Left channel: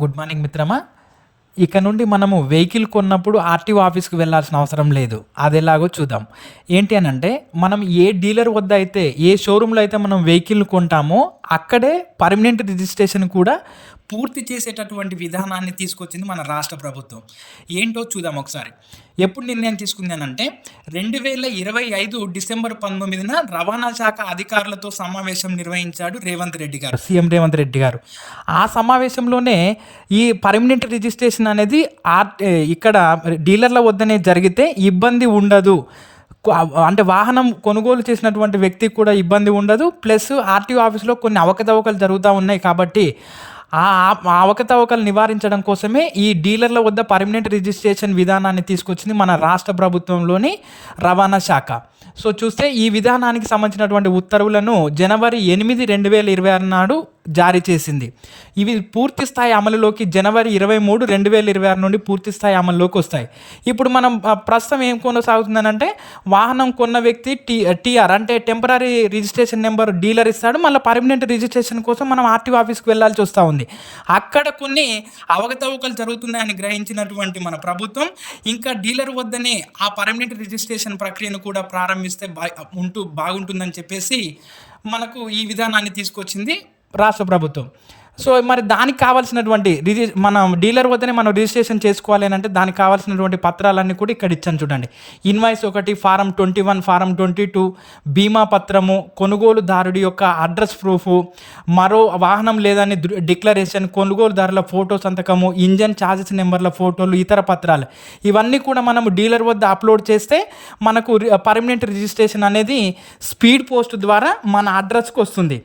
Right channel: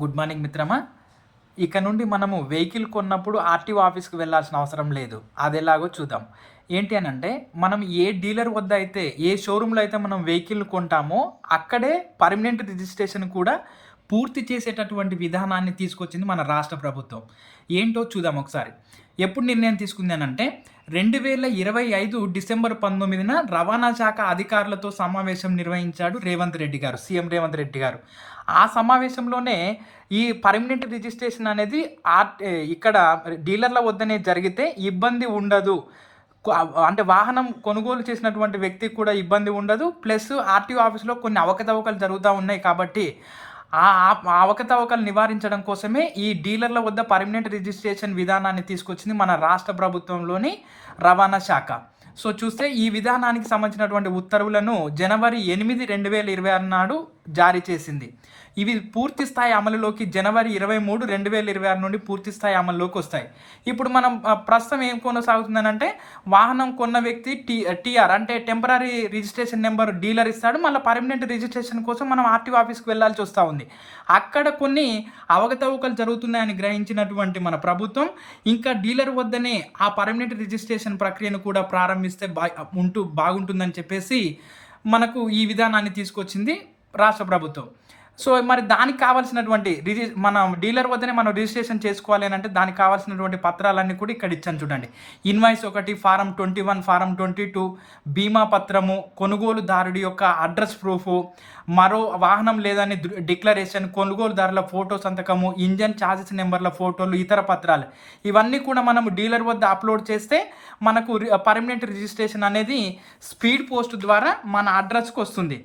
Good morning మిత్రమా. ఇక నుండి మనము వెహికల్ కొన్నప్పుడు ఆర్టీఓ ఆఫీస్‌కి వెళ్ళాల్సిన అవసరం లేదు. అదెలాగో చూద్దాం. ఏంటి అనంటే, మనం ఏ డీలర్ వద్ద అయితే, ఏ షోరూమ్‌లో అయితే మనం వెహికల్ కొంటామో, అక్కడే పర్మనెంట్ రిజిస్ట్రేషన్ కూడా పూర్తి చేసేటటువంటి విధానాన్ని తీసుకొచ్చింది మన రాష్ట్ర ప్రభుత్వం. ఏంటో చూద్దాం ఒకసారి. ఎప్పుడు నిర్ణయం తీసుకుందనంటే, 2025 డిసెంబర్ 19న రవాణా శాఖ అధికారులతో సమావేశం నిర్వహించాడు రేవంత్ రెడ్డి గారు. సీఎం రేవంత్ రెడ్డి గారు. ఆ సమావేశంలోనే ఈ పర్మనెంట్ రిజిస్ట్రేషన్ అనేది ఇక్కడ డీలర్ల వద్దనే జరిగితే ఇబ్బంది ఉండదు. అంటే వాహనం కొనుగోలు చేసినటువంటి వ్యక్తికి కూడా ఇబ్బంది ఉండదు. ప్లస్ ఆర్టీఓ ఆఫీస్‌లో కొన్ని అవకతవకలు జరుగుతా ఉన్నాయి కాబట్టి ఆ ఆ అవకతవకలు నివారించడం కోసమే ఈ డీలర్ల వద్ద పర్మనెంట్ రిజిస్ట్రేషన్ విధానాన్ని తీసుకొచ్చింది మన రాష్ట్ర ప్రభుత్వంలోని రవాణా శాఖ. సో చూస్తే ఈ విధానానికి సంబంధించినటువంటి ఉత్తర్వులను జనవరి 8, 2026 నాడు జారీ చేసింది. ఇవి పూర్తి స్థాయి అమలులోకి జనవరి 23, 2026 నుండి పూర్తి స్థాయి అమల్లోకి వస్తాయి. ఇప్పుడు మనం ప్రస్తుతం ఏం కొనసాగుతుందనంటే, వాహనం కొన్న వ్యక్తి టీఆర్ అంటే టెంపరరీ రిజిస్ట్రేషన్ నెంబర్ డీలర్ ఇస్తాడు. మళ్ళీ పర్మనెంట్ రిజిస్ట్రేషన్ కోసం మనం ఆర్టీఓ ఆఫీస్కి వెళ్ళాల్సి వస్తూ ఉంది. అక్కడ కొన్ని అవకతవకలు జరుగుతున్నాయని గ్రహించినటువంటి మన ప్రభుత్వం ఇంకా డీలర్ వద్దనే ఆ పర్మనెంట్ రిజిస్ట్రేషన్ ప్రక్రియను కూడా ప్రారంభిస్తే బాగుంటుందని చెప్పేసి మనకు ఈ విధానాన్ని తీసుకొచ్చింది రాష్ట్ర ప్రభుత్వం. సో మరి దానికి కావాల్సినటువంటి మనం డీలర్ వద్దనే మనం రిజిస్ట్రేషన్ చేసుకోవాలి అని అంటే దానికి కావాల్సినటువంటి పత్రాలన్నీ కూడా ఇక్కడ ఇచ్చాను చూడండి. ఇన్వాయిస్ 1, ఫారం 21, ఫారం 22, బీమా పత్రము, కొనుగోలుదారుడి యొక్క అడ్రస్ ప్రూఫు, మరో వాహనం లేదని డిక్లరేషన్, కొనుగోలుదారుల ఫోటో సంతకము, ఇంజన్ ఛార్జెస్ నెంబర్ల ఫోటోలు, ఇతర పత్రాలు ఇవన్నీ కూడా మనము డీలర్ వద్ద అప్లోడ్ చేస్తే మనకు పర్మనెంట్ రిజిస్ట్రేషన్ అనేది స్పీడ్ పోస్ట్ ద్వారా మన అడ్రస్కి వస్తుంది.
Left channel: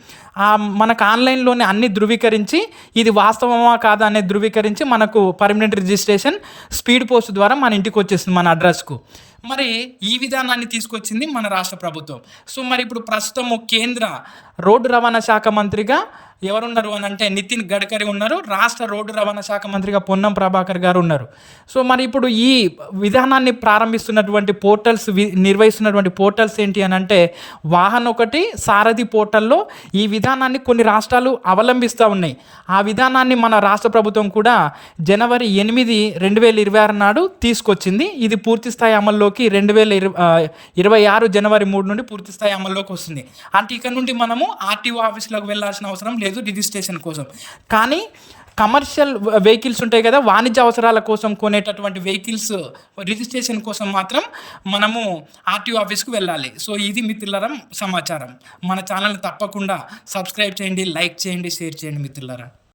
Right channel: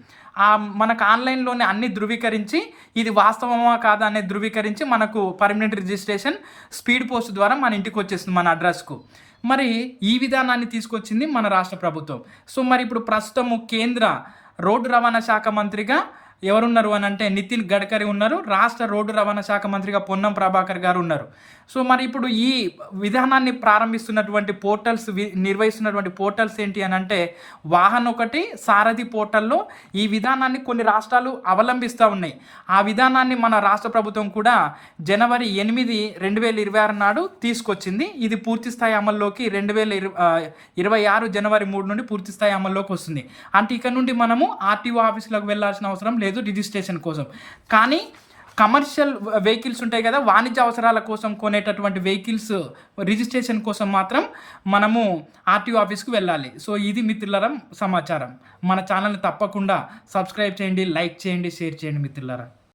మనకు ఆన్లైన్లోనే అన్ని ధృవీకరించి ఇది వాస్తవమా కాదా అనేది ధృవీకరించి మనకు పర్మనెంట్ రిజిస్ట్రేషన్ స్పీడ్ పోస్ట్ ద్వారా మన ఇంటికి వచ్చేస్తుంది మన అడ్రస్కు. మరి ఈ విధానాన్ని తీసుకొచ్చింది మన రాష్ట్ర ప్రభుత్వం. సో మరి ఇప్పుడు ప్రస్తుతము కేంద్ర రోడ్డు రవాణా శాఖ మంత్రిగా ఎవరున్నారు అని అంటే నితిన్ గడ్కరీ ఉన్నారు. రాష్ట్ర రోడ్డు రవాణా శాఖ మంత్రిగా పొన్నం ప్రభాకర్ గారు ఉన్నారు. సో మరి ఇప్పుడు ఈ విధానాన్ని ప్రారంభిస్తున్నటువంటి పోర్టల్స్ నిర్వహిస్తున్నటువంటి పోర్టల్స్ ఏంటి అని అంటే, వాహన్ 1 సారథి పోర్టల్లో ఈ విధానాన్ని కొన్ని రాష్ట్రాలు అవలంబిస్తూ ఉన్నాయి. ఆ విధానాన్ని మన రాష్ట్ర ప్రభుత్వం కూడా జనవరి 8, 2026 నాడు తీసుకొచ్చింది. ఇది పూర్తి స్థాయి అమల్లోకి 2026 జనవరి 3 నుండి పూర్తి స్థాయి అమల్లోకి వస్తుంది. అంటే ఇక్కడ నుండి మనము ఆర్టీఓ ఆఫీసులకు వెళ్ళాల్సిన అవసరం లేదు రిజిస్ట్రేషన్ కోసం. కానీ కమర్షియల్ వెహికల్స్ ఉంటాయి కదా, వాణిజ్య అవసరాల కోసం కొనేటటువంటి వెహికల్స్ రిజిస్ట్రేషన్ కోసం మాత్రం మనము ఆర్టీఓ ఆఫీస్కి వెళ్ళాలి. సో ఇది మిత్రులారా సమాచారం. మన ఛానల్ని తప్పకుండా సబ్స్క్రైబ్ చేయండి, లైక్ చేయండి, షేర్ చేయండి మిత్రులారా.